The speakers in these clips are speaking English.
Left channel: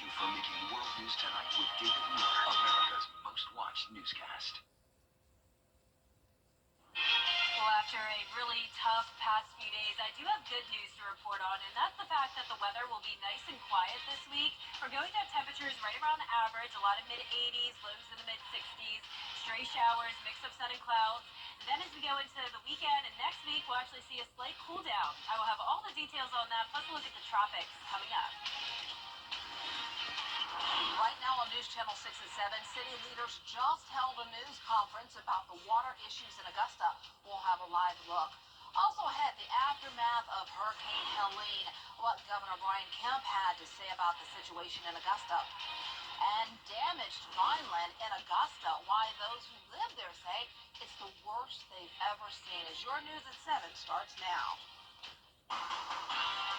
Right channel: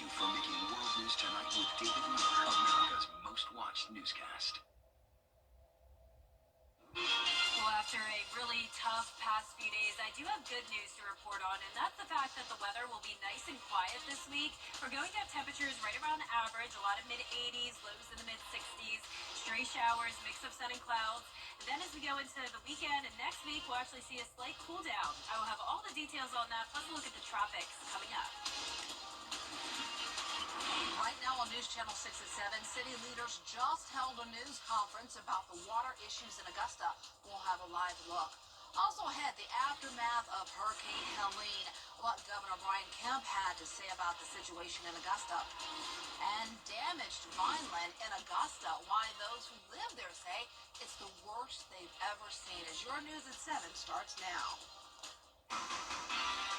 you for making World News Tonight with David Miller, America's most watched newscast. Well, after a really tough past few days, I do have good news to report on, and that's the fact that the weather will be nice and quiet this week. We're going to have temperatures right around average, a lot of mid-80s, lows in the mid-60s, stray showers, mix of sun and clouds. And then as we go into the weekend and next week, we'll actually see a slight cool down. I will have all the details on that, plus a look at the tropics coming up. Right now on News Channel 6 and 7, city leaders just held a news conference about the water issues in Augusta. We'll have a live look. Also ahead, the aftermath of Hurricane Helene, what Governor Brian Kemp had to say about the situation in Augusta. And damaged Vineland in Augusta, why those who live there say it's the worst they've ever seen. As your News at 7 starts now.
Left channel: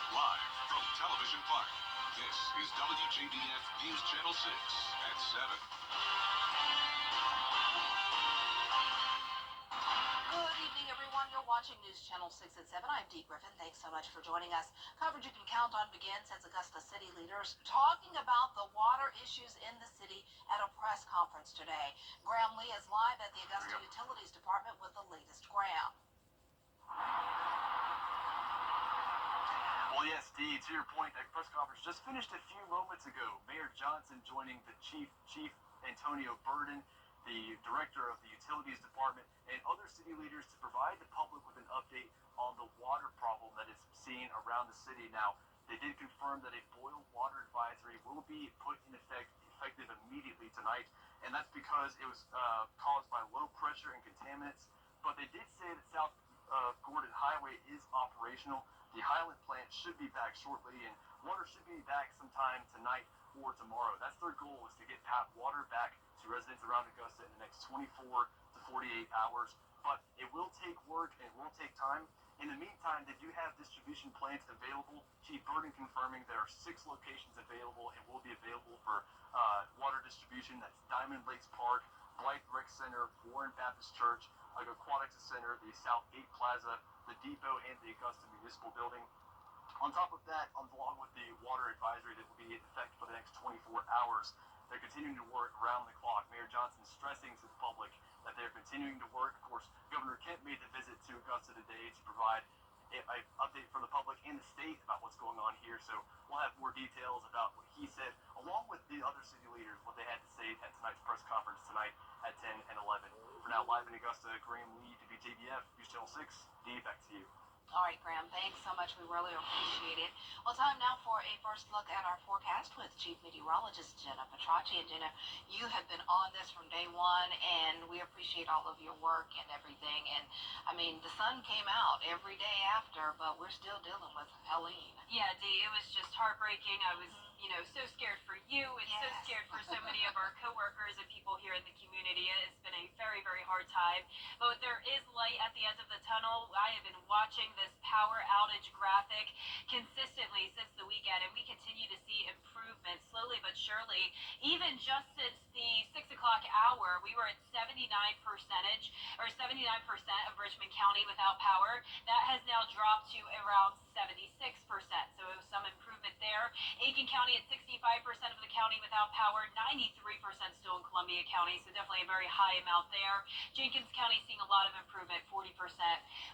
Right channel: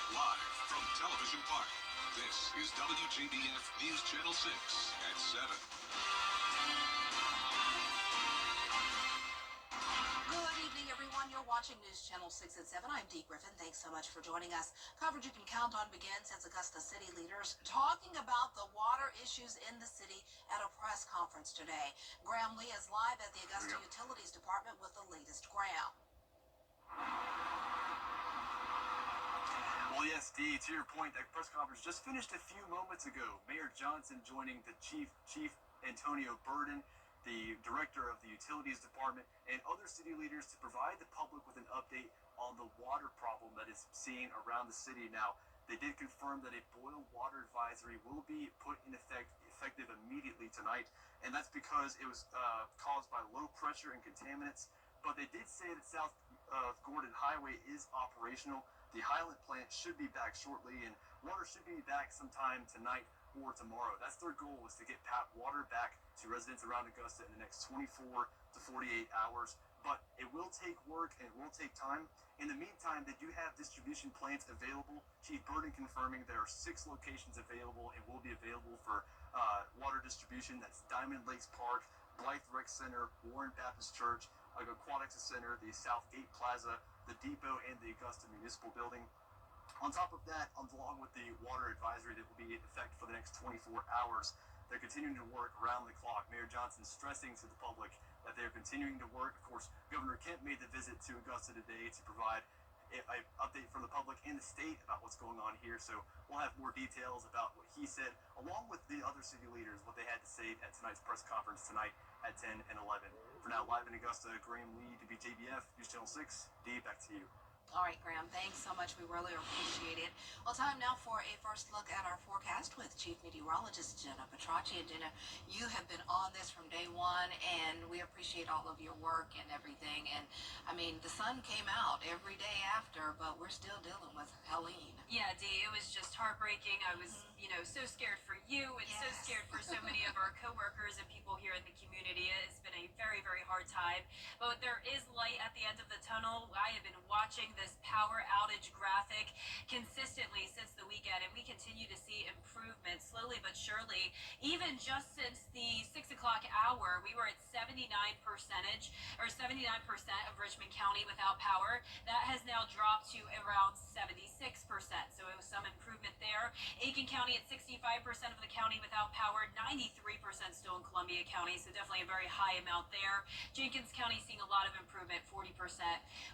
Live from Television Park, this is WJBF News Channel 6 at 7. Good evening, everyone. You're watching News Channel 6 at 7. I'm Dee Griffin. Thanks so much for joining us. Coverage you can count on begins as Augusta city leaders talking about the water issues in the city at a press conference today. Graham Lee is live at the Augusta Utilities Department with the latest. Graham. Well, yes, Dee, to your point, that press conference just finished a few moments ago. Mayor Johnson joining the Chief Antonio Burden, the director of the Utilities Department, and other city leaders to provide the public with an update on the water problem that is seen around the city. Now, they did confirm that a boil water advisory will be put in effective immediately tonight, and that's because it was caused by low pressure and contaminants. But they did say that South Gordon Highway is operational. The Highland plant should be back shortly, and water should be back sometime tonight or tomorrow. That's their goal, is to get water back to residents around Augusta in the next 24 to 48 hours. But it will take work and it will take time. In the meantime, they do have distribution plants available. Chief Burden confirming there are 6 locations available and will be available for water distribution. That's Diamond Lakes Park, Blythe Rec Center, Warren Baptist Church, Aquatics Center, the Southgate Plaza, the Depot, and the Augusta Municipal Building. On top of that, along with the water advisory that will be in effect for the next 24 hours, they're continuing to work around the clock. Mayor Johnson stressing to the public that they're continuing to work. Of course, Governor Kemp made the visit to Augusta today to provide an update from the public and the state about what's going on here. So we'll have more details about what he said, along with the other city leaders, what they had to say at tonight's press conference tonight at 10 and 11. For now, live in Augusta, Graham Lee, WJBF, News Channel 6. Dee, back to you. All right, Graham, thanks so much. We really appreciate it. Well, time now for a first look at our forecast with Chief Meteorologist Jenna Petracci. And Jenna, you have been on this from day one, and we appreciate all of your work and everything. And, I mean, the sun came out every day after, but we're still dealing with Helene. Yeah, Dee, it was just heartbreaking. I was, so scared for you and so scared for so many of our coworkers and people here in the community. It's been a very, very hard time. But there is light at the end of the tunnel. I have been watching this power outage graphic consistently since the weekend, and we continue to see improvement slowly but surely. Even just since the 6 o'clock hour, we were at 79% of Richmond County without power. That has now dropped to around 76%. So it was some improvement there. Aiken County at 65% of the county without power, 93% still in Columbia County, so definitely a very high amount there. Jenkins County seeing a lot of improvement, 40%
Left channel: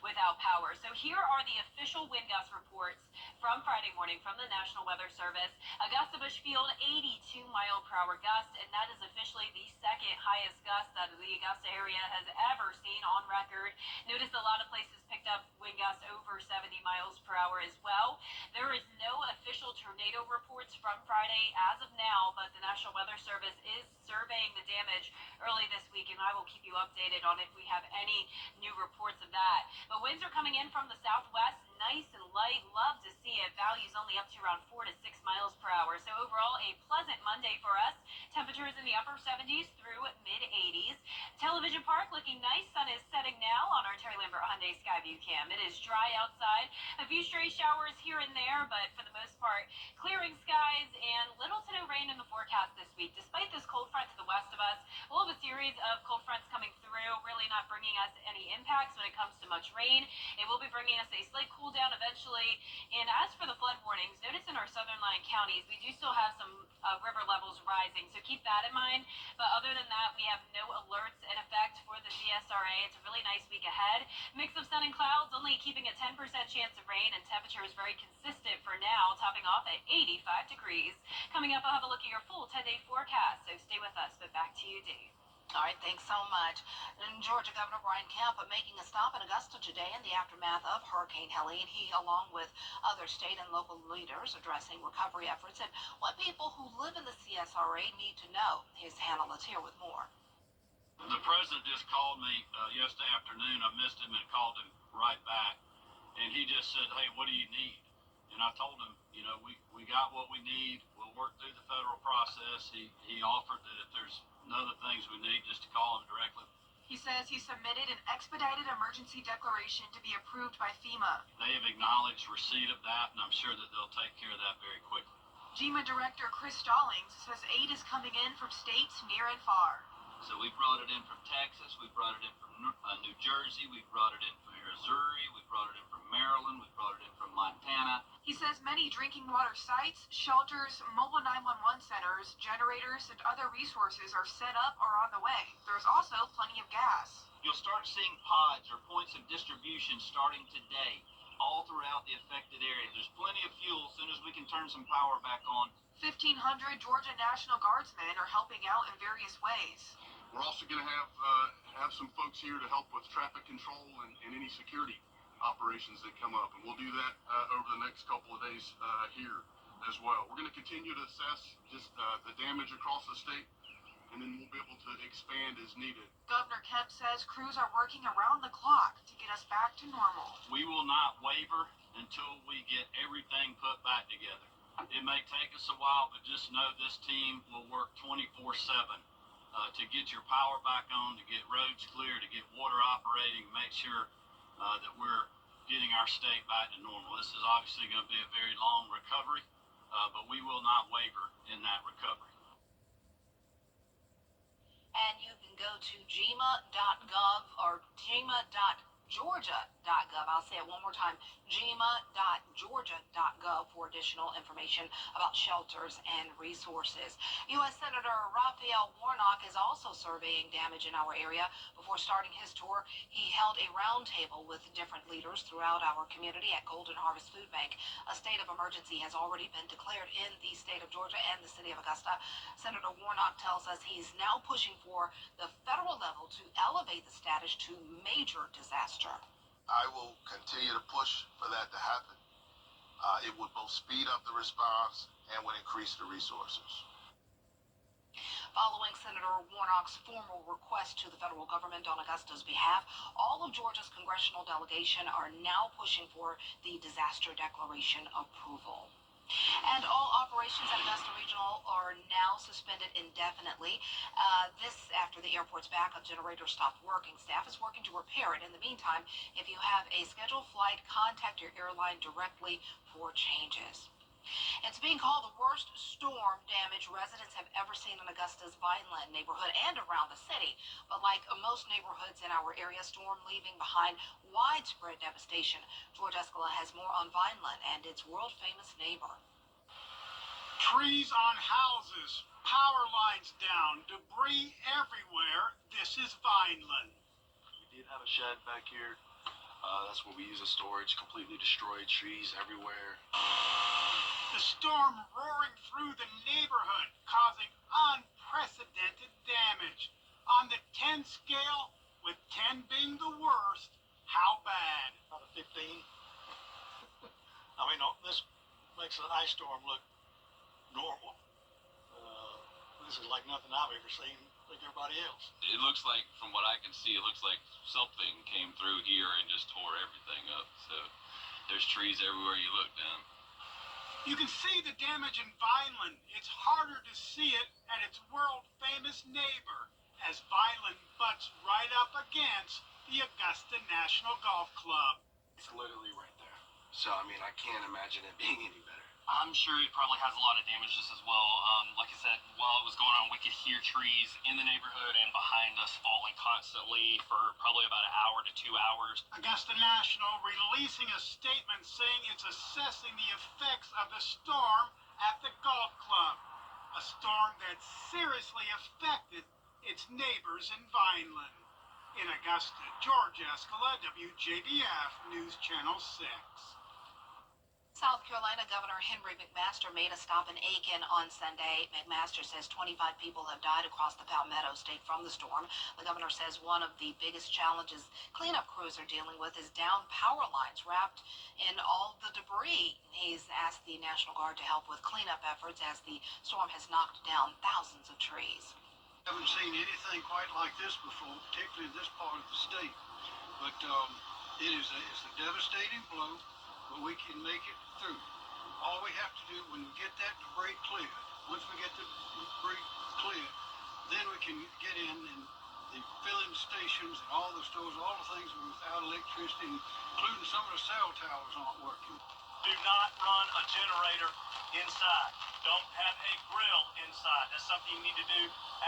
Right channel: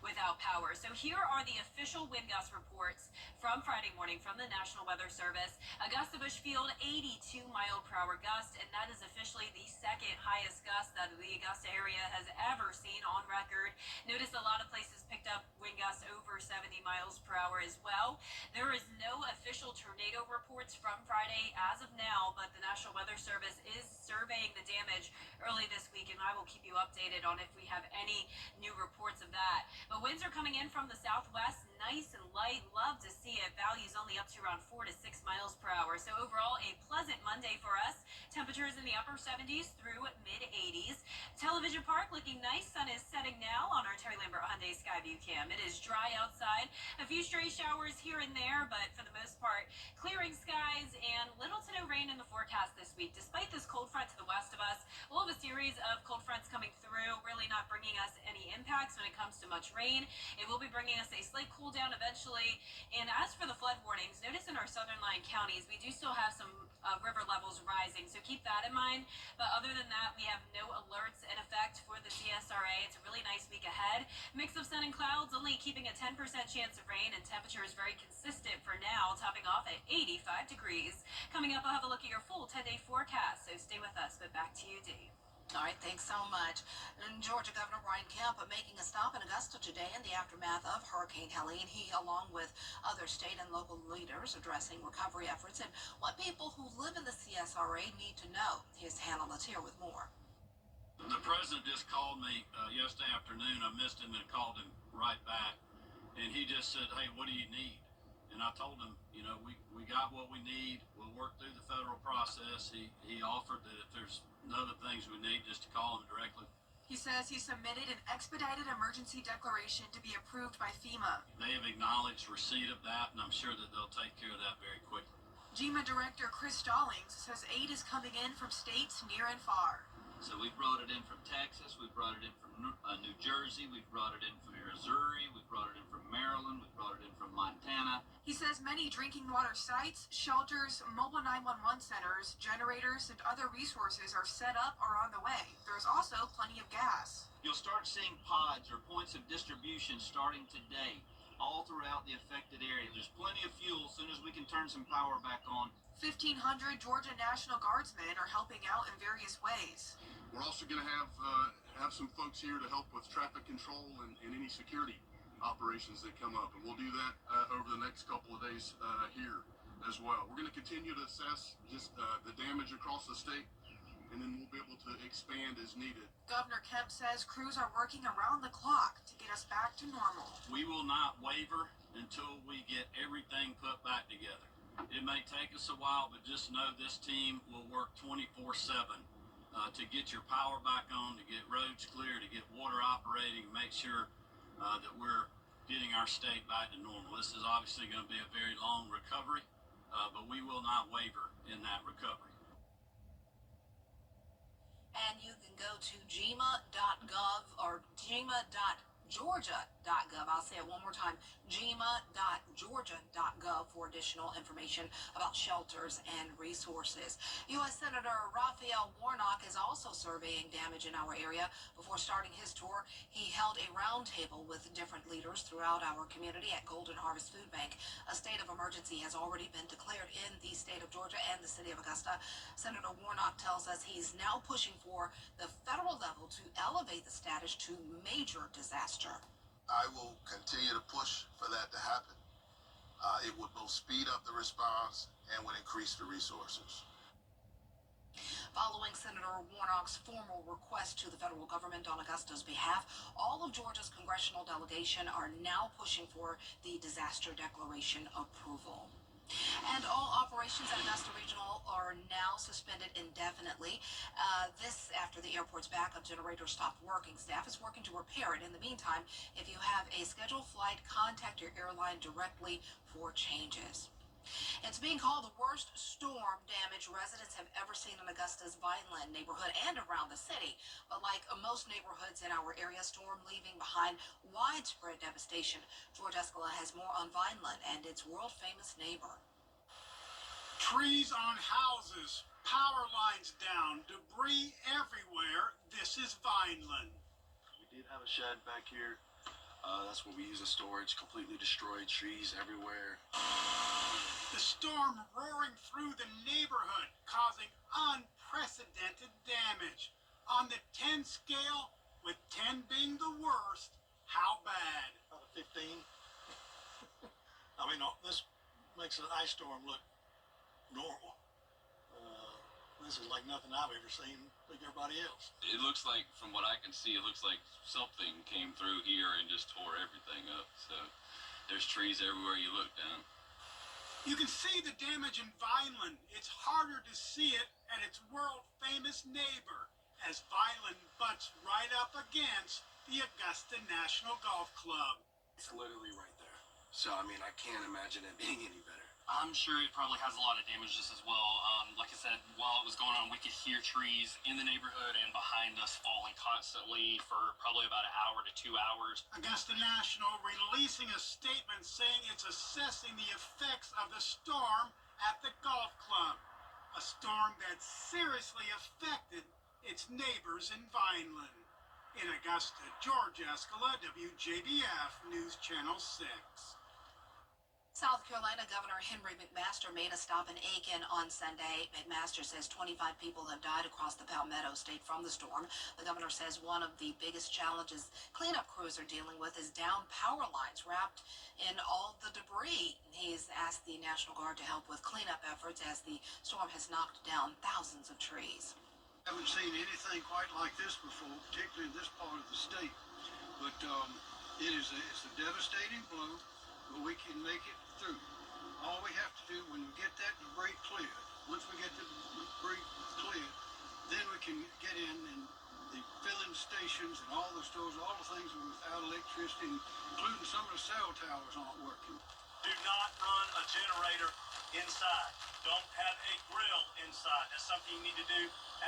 without power. So here are the official wind gust reports from Friday morning from the National Weather Service. Augusta Bushfield, 82 mile per hour gust, and that is officially the second highest gust that the Augusta area has ever seen on record. Notice a lot of places picked up wind gusts over 70 miles per hour as well. There is no official tornado reports from Friday as of now, but the National Weather Service is surveying the damage early this week, and I will keep you updated on if we have any new reports of that. But winds are coming in from the southwest, nice and light. Love to see it. Values only up to around 4 to 6 miles per hour. So overall, a pleasant Monday for us. Temperatures in the upper 70s through mid-80s. Television Park looking nice. Sun is setting now on our Terry Lambert Hyundai Skyview cam. It is dry outside. A few stray showers here and there, but for the most part, clearing skies and little to no rain in the forecast this week. Despite this cold front to the west of of us. We'll have a series of cold fronts coming through, really not bringing us any impacts when it comes to much rain. It will be bringing us a slight cool down eventually. And as for the flood warnings, notice in our southern line counties, we do still have some river levels rising, so keep that in mind. But other than that, we have no alerts in effect for the CSRA. It's a really nice week ahead. Mix of sun and clouds, only keeping a 10% chance of rain, and temperature is very consistent for now, topping off at 85 degrees. Coming up, I'll have a look at your full 10-day forecast, so stay with us. But back to you, Dee. All right, thanks so much. And Georgia Governor Brian Kemp making a stop in Augusta today in the aftermath of Hurricane Helene. He, along with other state and local leaders, addressing recovery efforts and what people who live in the CSRA need to know. Here's Hannah Latier with more. The president just called me yesterday afternoon. I missed him and called him right back. And he just said, hey, what do you need? And I told him, you know, we got what we need. We'll work through the federal process. He offered that if there's other things we need, just to call him directly. He says he submitted an expedited emergency declaration to be approved by FEMA. They have acknowledged receipt of that, and I'm sure that they'll take care of that very quickly. GEMA Director Chris Stallings says aid is coming in from states near and far. So we brought it in from Texas, we brought it in from New Jersey, we brought it in from Missouri, we brought it in from Maryland, we brought it in from Montana. He says many drinking water sites, shelters, mobile 911 centers, generators, and other resources are set up or on the way. There's also plenty of gas. You'll start seeing pods or points of distribution starting today all throughout the affected area. There's plenty of fuel as soon as we can turn some power back on. 1,500 Georgia National Guardsmen are helping out in various ways. We're also going to have some folks here to help with traffic control and any security operations that come up, and we'll do that over the next couple of days here as well. We're going to continue to assess just the damage across the state, and then we'll be able to expand as needed. Governor Kemp says crews are working around the clock to get us back to normal. We will not waver until we get everything put back together. It may take us a while, but just know this team will work 24/7 to get your power back on, to get roads clear, to get water operating, make sure that we're getting our state back to normal. This is obviously going to be a very long recovery, but we will not waver in that recovery. And you can go to GEMA.gov or GEMA.Georgia.gov. I'll say it one more time, GEMA.Georgia.gov for additional information about shelters and resources. U.S. Senator Raphael Warnock is also surveying damage in our area. Before starting his tour, he held a roundtable with different leaders throughout our community at Golden Harvest Food Bank. A state of emergency has already been declared in the state of Georgia and the city of Augusta. Senator Warnock tells us he's now pushing for the federal level to elevate the status to major disaster. I will continue to push for that to happen. It would both speed up the response and would increase the resources. Following Senator Warnock's formal request to the federal government on Augusta's behalf, all of Georgia's congressional delegation are now pushing for the disaster declaration approval. And all operations at Augusta Regional are now suspended indefinitely. This after the airport's backup generator stopped working. Staff is working to repair it. In the meantime, if you have a scheduled flight, contact your airline directly for changes. It's being called the worst storm damage residents have ever seen in Augusta's Vineland neighborhood and around the city. But like most neighborhoods in our area, storm leaving behind widespread devastation. George Escala has more on Vineland and its world-famous neighbor. Trees on houses, power lines down, debris everywhere. This is Vineland. We did have a shed back here. That's what we use as storage. Completely destroyed, trees everywhere. The storm roaring through the neighborhood, causing unprecedented damage. On the 10 scale, with 10 being the worst, how bad? Out of 15. I mean, this makes an ice storm look normal. This is like nothing I've ever seen, like everybody else. It looks like, from what I can see, it looks like something came through here and just tore everything up. So there's trees everywhere you look down. You can see the damage in Vineland. It's harder to see it at its world-famous neighbor, as Vineland butts right up against the Augusta National Golf Club. It's literally right there. So, I mean, I can't imagine it being any better. I'm sure it probably has a lot of damages as well. Like I said, while it was going on, we could hear trees in the neighborhood and behind us falling constantly for probably about an hour to 2 hours. Augusta National releasing a statement saying it's assessing the effects of the storm at the golf club. A storm that seriously affected its neighbors in Vineland. In Augusta, George Escala, WJBF News Channel 6. South Carolina Governor Henry McMaster made a stop in Aiken on Sunday. McMaster says 25 people have died across the Palmetto State from the storm. The governor says one of the biggest challenges cleanup crews are dealing with is down power lines wrapped in all the debris. He's asked the National Guard to help with cleanup efforts as the storm has knocked down thousands of trees. I haven't seen anything quite like this before, particularly in this part of the state. But it's a devastating blow, but we can make it through. All we have to do when we get that debris cleared, once we get the debris cleared, then we can get in and the filling stations and all the stores, all the things without electricity, including some of the cell towers aren't working. Do not run a generator inside. Don't have a grill inside. That's something you need to do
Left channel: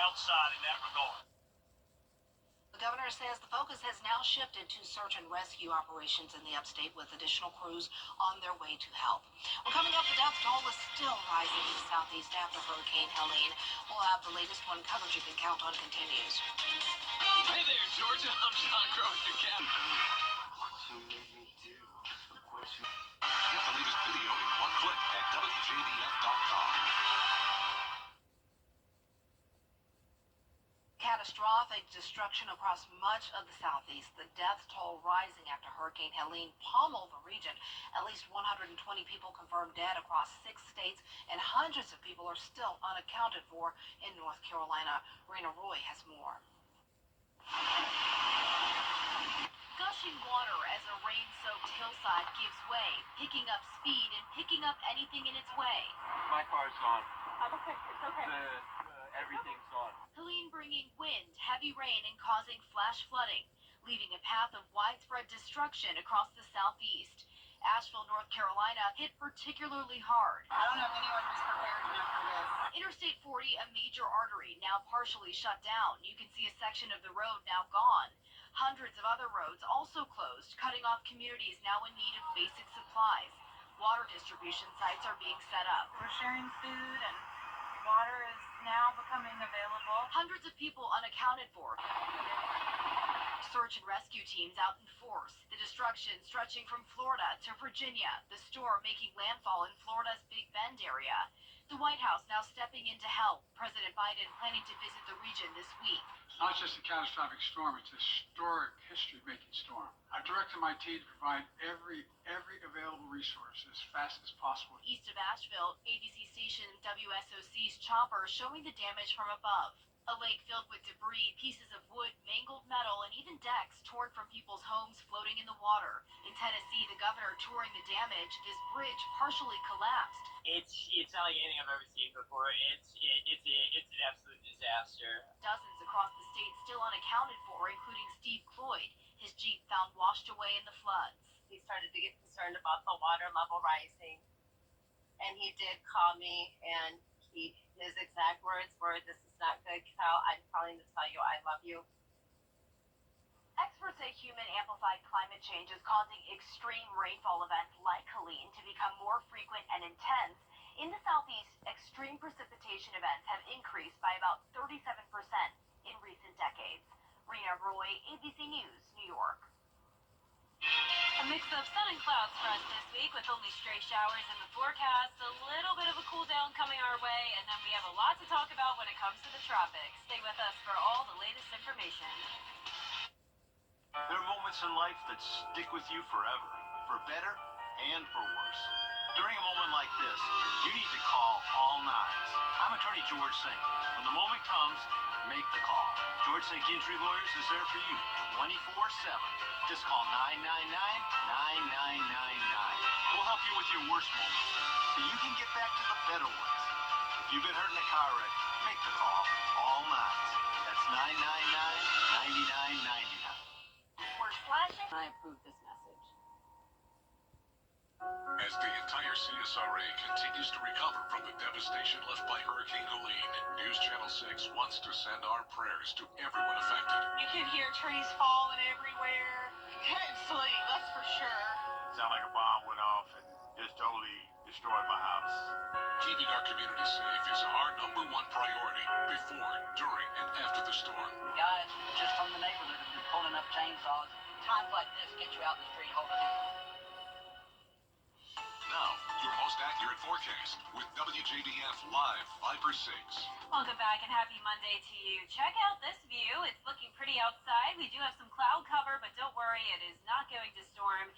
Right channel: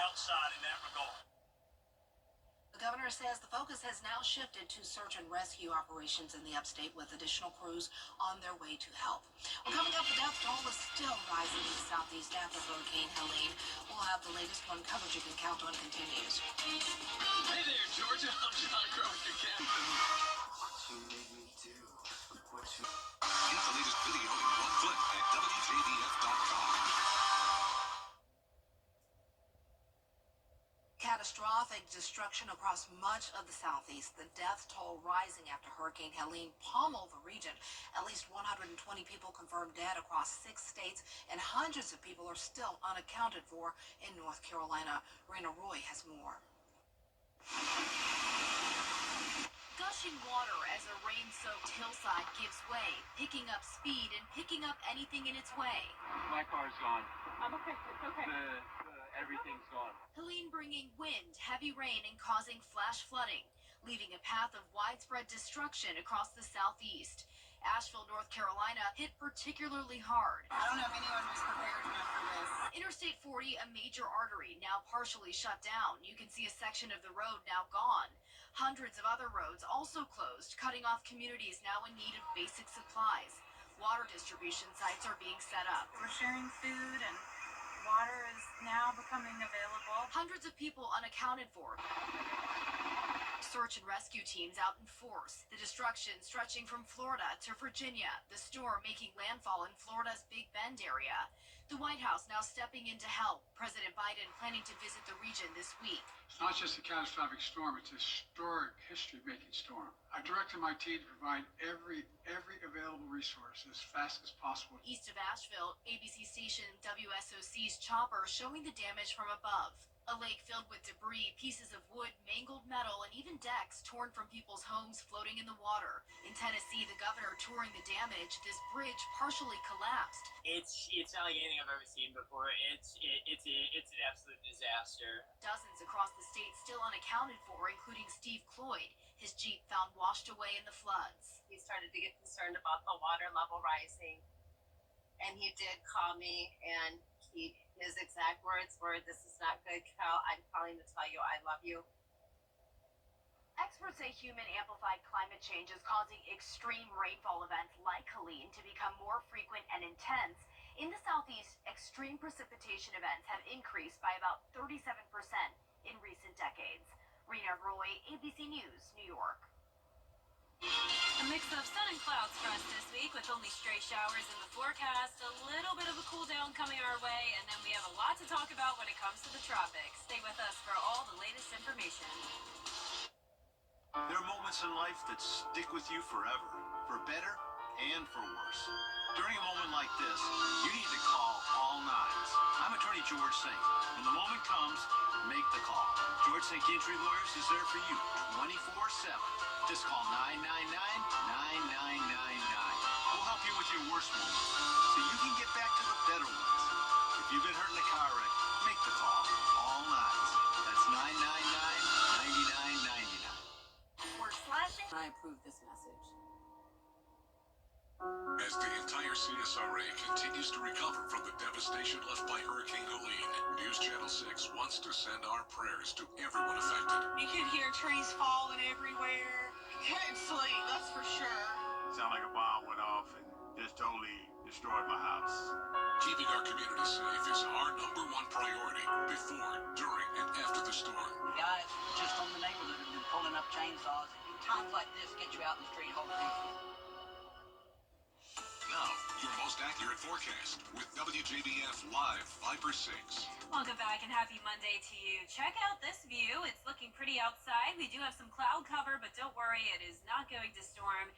outside in that regard. The governor says the focus has now shifted to search and rescue operations in the upstate with additional crews on their way to help. Well, coming up, the death toll is still rising in the southeast after Hurricane Helene. We'll have the latest one coverage you can count on continues. Hey there, Georgia. I'm John Crow with the captain. What you made me do? What you... Get the latest video in one click at WJBF.com. Catastrophic destruction across much of the southeast. The death toll rising after Hurricane Helene pummeled the region. At least 120 people confirmed dead across 6 states, and hundreds of people are still unaccounted for in North Carolina. Rena Roy has more. Gushing water as a rain-soaked hillside gives way, picking up speed and picking up anything in its way. My car's gone. I'm okay. It's okay. Everything's gone. Helene bringing wind, heavy rain, and causing flash flooding, leaving a path of widespread destruction across the southeast. Asheville, North Carolina, hit particularly hard. I don't know if anyone was prepared enough for this. Interstate 40, a major artery, now partially shut down. You can see a section of the road now gone. Hundreds of other roads also closed, cutting off communities now in need of basic supplies. Water distribution sites are being set up. We're sharing food and water is now becoming available. Hundreds of people unaccounted for. Search and rescue teams out in force. The destruction stretching from Florida to Virginia. The storm making landfall in Florida's Big Bend area. The White House now stepping in to help. President Biden planning to visit the region this week. It's not just a catastrophic storm, it's a historic, history-making storm. I've directed my team to provide every available resource as fast as possible. East of Asheville, ABC station WSOC's chopper showing the damage from above. A lake filled with debris, pieces of wood, mangled metal, and even decks torn from people's homes floating in the water. In Tennessee, the governor touring the damage. This bridge partially collapsed. It's not like anything I've ever seen before. It's an absolute disaster. Dozens across the state still unaccounted for, including Steve Cloyd. His Jeep found washed away in the floods. He started to get concerned about the water level rising, and he did call me, and his exact words were, "This is not good, Cal. I'm calling to tell you I love you." Experts say human-amplified climate change is causing extreme rainfall events like Helene to become more frequent and intense. In the southeast, extreme precipitation events have increased by about 37% in recent decades. Rena Roy, ABC News, New York. A mix of sun and clouds for us this week with only stray showers in the forecast, a little bit of a cool down coming our way, and then we have a lot to talk about when it comes to the tropics. Stay with us for all the latest information. There are moments in life that stick with you forever, for better and for worse. During a moment like this, you need to call all nines. I'm attorney George Sink. When the moment comes, make the call. George Sink Injury Lawyers is there for you 24/7. Just call 999-9999. We'll help you with your worst moments so you can get back to the better ones. If you've been hurt in a car wreck, make the call. All nines. That's 999-9999. I approve this message. As the entire CSRA continues to recover from the devastation left by Hurricane Helene, News Channel 6 wants to send our prayers to everyone affected. You can hear trees falling everywhere. Couldn't sleep, that's for sure. Sound like a bomb went off and just totally destroyed my house. Keeping our community safe is our #1 priority before, during, and after the storm. Guys just from the neighborhood have been pulling up chainsaws. Times like this get you out in the street holding hands. Now, your most accurate forecast with WJBF Live Viper 6. Welcome back and happy Monday to you. Check out this view. It's looking pretty outside. We do have some cloud cover, but don't worry, it is not going to storm.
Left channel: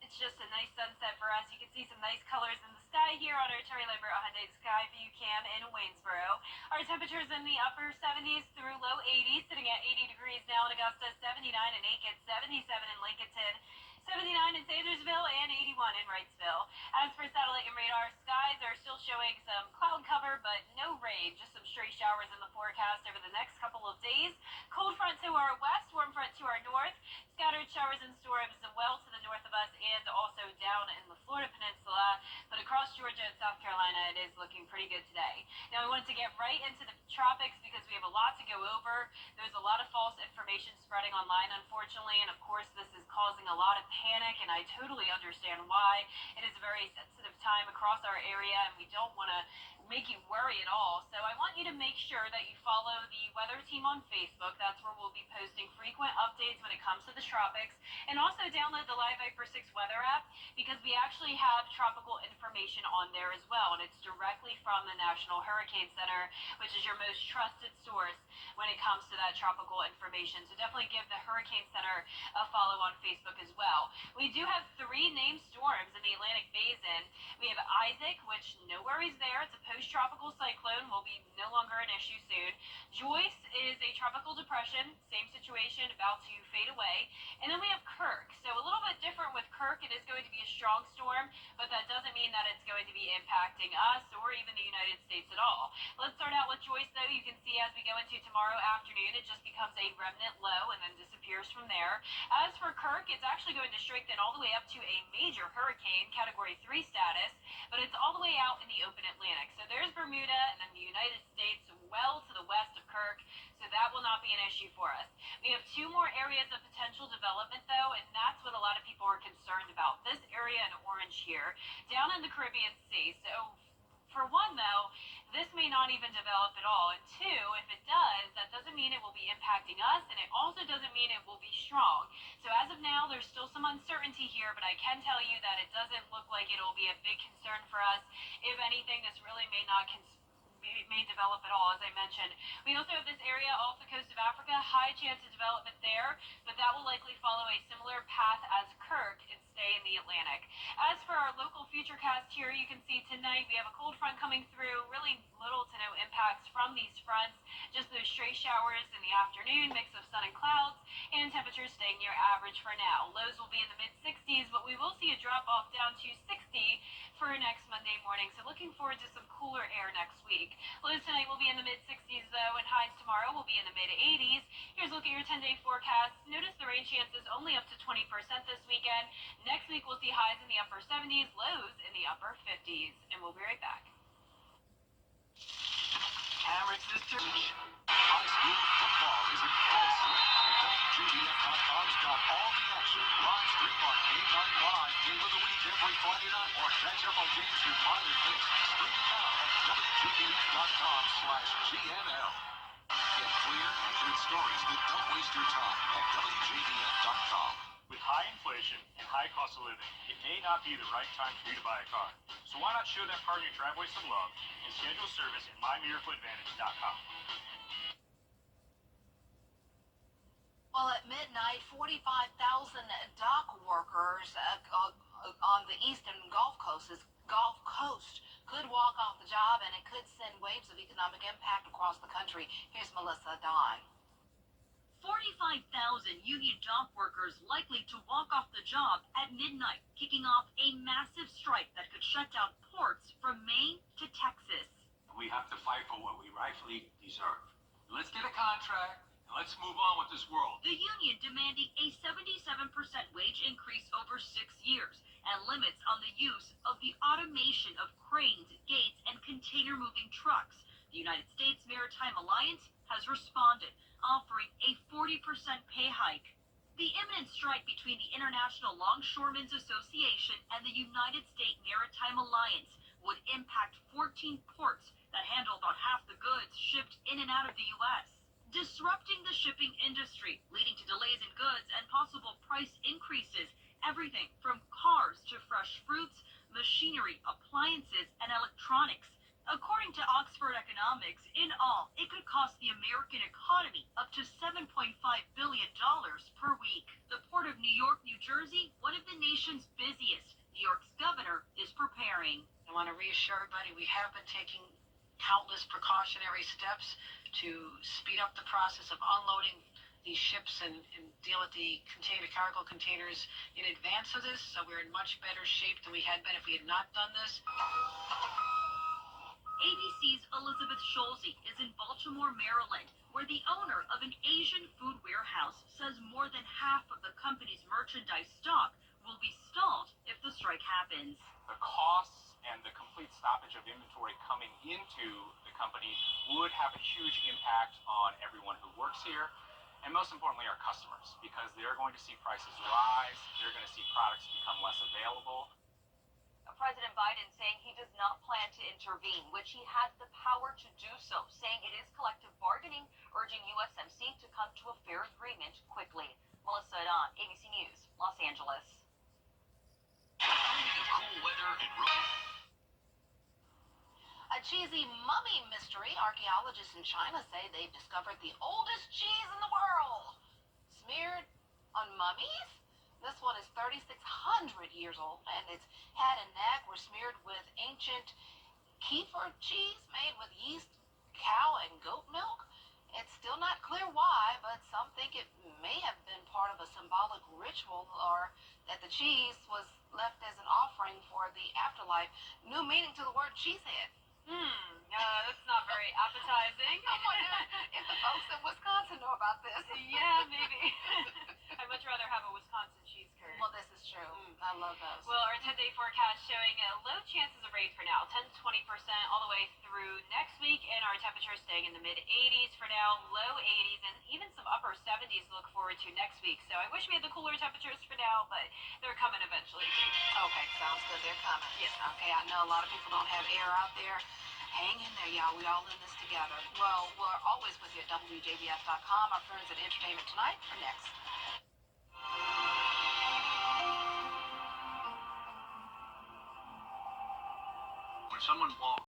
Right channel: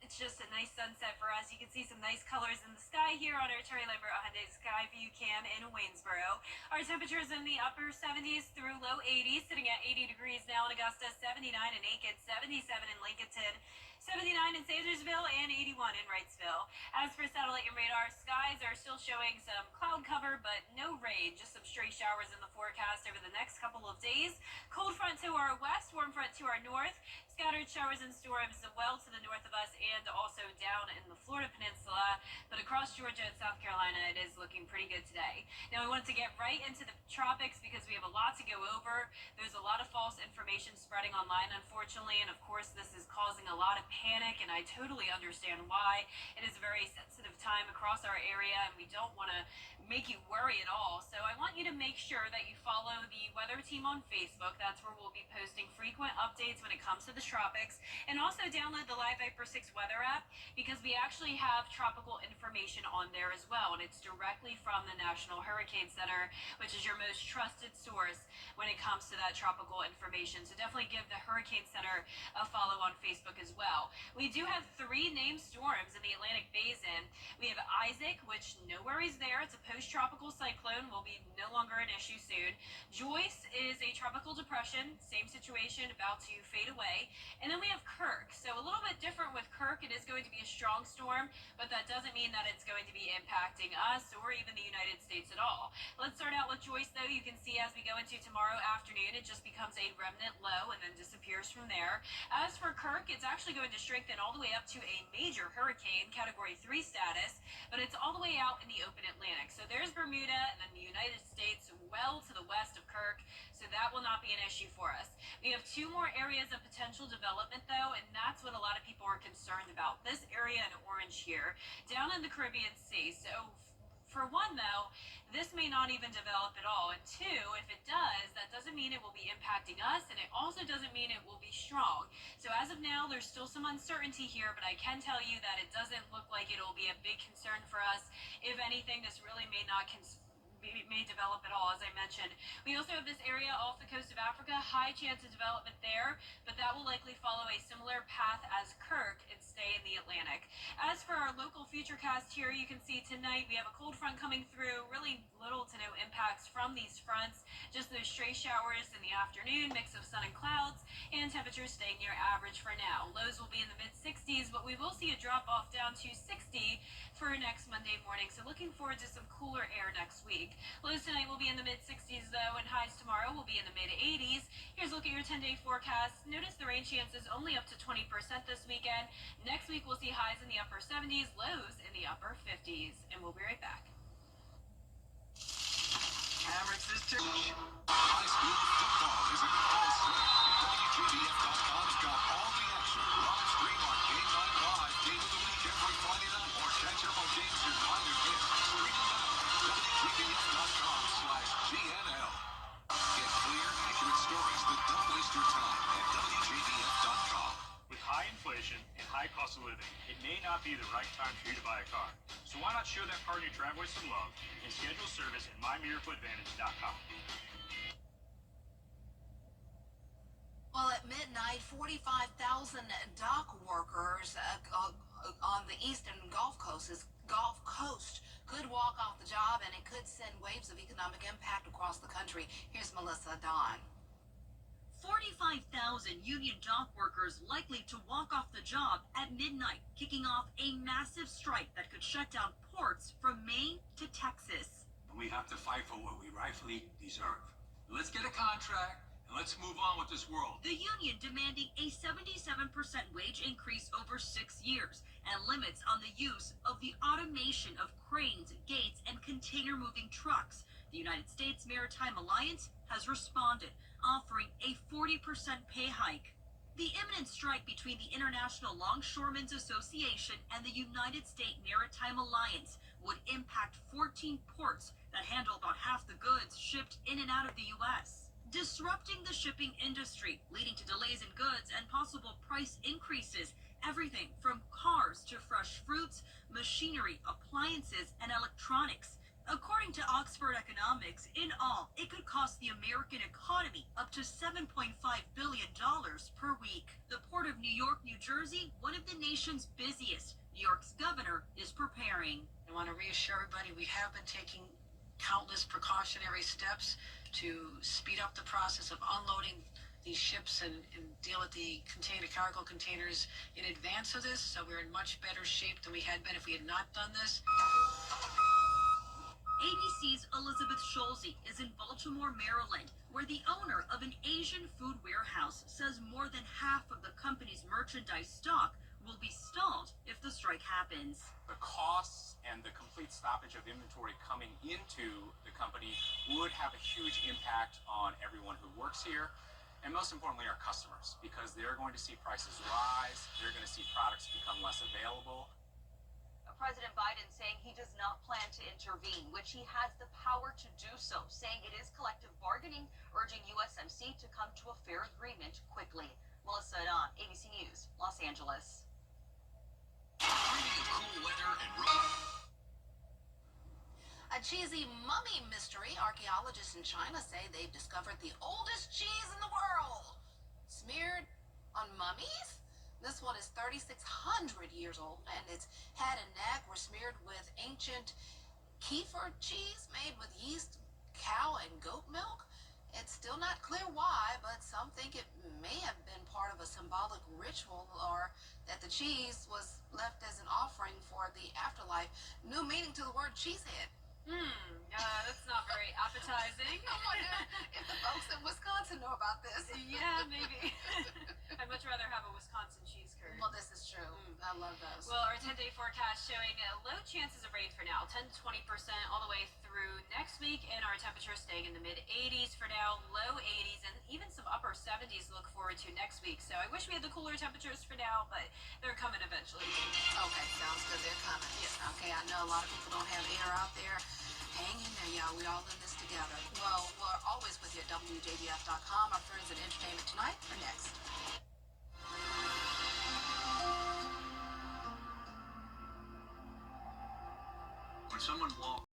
It's just a nice sunset for us. You can see some nice colors in the sky here on our Terry Lambert Hyundai Sky View Cam in Waynesboro. Our temperatures in the upper 70s through low 80s, sitting at 80 degrees now in Augusta, 79 in Aiken, 77 in Lincolnton, 79 in Sandersville, and 81 in Wrightsville. As for satellite and radar, skies are still showing some cloud cover, but no rain, just some stray showers in the forecast over the next couple of days. Cold front to our west, warm front to our north, scattered showers and storms well to the north of us and also down in the Florida Peninsula. But across Georgia and South Carolina, it is looking pretty good today. Now, we wanted to get right into the tropics because we have a lot to go over. There's a lot of false information spreading online, unfortunately, and of course, this is causing a lot of panic, and I totally understand why. It is a very sensitive time across our area, and we don't want to make you worry at all. So I want you to make sure that you follow the weather team on Facebook. That's where we'll be posting frequent updates when it comes to the tropics. And also download the Live Viper 6 weather app because we actually have tropical information on there as well. And it's directly from the National Hurricane Center, which is your most trusted source when it comes to that tropical information. So definitely give the Hurricane Center a follow on Facebook as well. We do have 3 named storms in the Atlantic Basin. We have Isaac, which no worries there. It's a post-tropical cyclone, will be no longer an issue soon. Joyce is a tropical depression, same situation, about to fade away. And then we have Kirk. So a little bit different with Kirk. It is going to be a strong storm, but that doesn't mean that it's going to be impacting us or even the United States at all. Let's start out with Joyce, though. You can see as we go into tomorrow afternoon, it just becomes a remnant low and then disappears from there. As for Kirk, it's actually going to strengthen all the way up to a major hurricane, Category 3 status, but it's all the way out in the open Atlantic. So there's Bermuda and then the United States well to the west of Kirk, so that will not be an issue for us. We have 2 more areas of potential development, though, and that's what a lot of people are concerned about. This area in orange here, down in the Caribbean Sea. So for one, though, this may not even develop at all. And 2, if it does, that doesn't mean it will be impacting us, and it also doesn't mean it will be strong. So as of now, there's still some uncertainty here, but I can tell you that it doesn't look like it will be a big concern for us. If anything, this really may not may develop at all, as I mentioned. We also have this area off the coast of Africa, high chance of development there, but that will likely follow a similar path as Kirk and stay in the Atlantic. As for our local futurecast here, you can see tonight we have a cold front coming through, really little to no impacts from these fronts, just those stray showers in the afternoon, mix of sun and clouds, and temperatures staying near average for now. Lows will be in the mid-60s, but we will see a drop off down to 60 for next Monday morning, so looking forward to some cooler air next week. Lows tonight will be in the mid-60s, though, and highs tomorrow will be in the mid-80s. Here's a look at your 10-day forecast. Notice the rain chances only up to 20% this weekend. Next week, we'll see highs in the upper 70s, lows in the upper 50s. And we'll be right back. Hammers this church. High school football is in full swing. WJBF.com's got all the action. Live stream our Game Night Live Game of the Week every Friday night. Or catch up on games you might have missed. Streaming now at WJBF.com/GNL. Get clear, accurate stories that don't waste your time at WJBF.com. With high inflation and high cost of living, it may not be the right time for you to buy a car. So why not show that car in your driveway some love and schedule service at MyMiracleAdvantage.com. Well, at midnight, 45,000 dock workers on the eastern Gulf Coast could walk off the job, and it could send waves of economic impact across the country. Here's Melissa Don. 45,000 union dock workers likely to walk off the job at midnight, kicking off a massive strike that could shut down ports from Maine to Texas. We have to fight for what we rightfully deserve. Let's get a contract, and Let's move on with this world. The union demanding a 77% wage increase over 6 years and limits on the use of the automation of cranes, gates, and container-moving trucks. The United States Maritime Alliance has responded, offering a 40% pay hike. The imminent strike between the International Longshoremen's Association and the United States Maritime Alliance would impact 14 ports that handle about half the goods shipped in and out of the U.S., disrupting the shipping industry, leading to delays in goods and possible price increases, everything from cars to fresh fruits, machinery, appliances, and electronics. According to Oxford Economics, in all, it could cost the American economy up to $7.5 billion per week. The Port of New York, New Jersey, one of the nation's busiest. New York's governor is preparing. I want to reassure everybody we have been taking countless precautionary steps to speed up the process of unloading these ships and deal with the cargo containers in advance of this, so we're in much better shape than we had been if we had not done this. ABC's Elizabeth Scholze is in Baltimore, Maryland, where the owner of an Asian food warehouse says more than half of the company's merchandise stock will be stalled if the strike happens. The costs and the complete stoppage of inventory coming into the company would have a huge impact on everyone who works here, and most importantly our customers, because they're going to see prices rise, they're going to see products become less available. President Biden saying he does not plan to intervene, which he has the power to do so, saying it is collective bargaining, urging USMC to come to a fair agreement quickly. Melissa Adon, ABC News, Los Angeles. Bringing the cool weather and A cheesy mummy mystery. Archaeologists in China say they've discovered the oldest cheese in the world. Smeared on mummies? This one is 3,600 years old, and its head and neck were smeared with ancient kefir cheese made with yeast, cow, and goat milk. It's still not clear why, but some think it may have been part of a symbolic ritual, or that the cheese was left as an offering for the afterlife. New meaning to the word cheesehead. That's not very appetizing. I wonder if the folks in Wisconsin know about this. Yeah, maybe. I'd much rather have a Wisconsin cheese curd. Well, this is true. I love those. Well, our 10-day forecast showing low chances of rain for now, 10 to 20% all the way through next week, and our temperatures staying in the mid-80s for now, low 80s, and even some upper 70s to look forward to next week. So I wish we had the cooler temperatures for now, but they're coming eventually. Okay, sounds good. They're coming. Yes. Okay, I know a lot of people don't have air out there. Hang in there, y'all. We all in this together. Well, we're always with you at WJBF.com. Our friends at Entertainment Tonight are next. When someone walks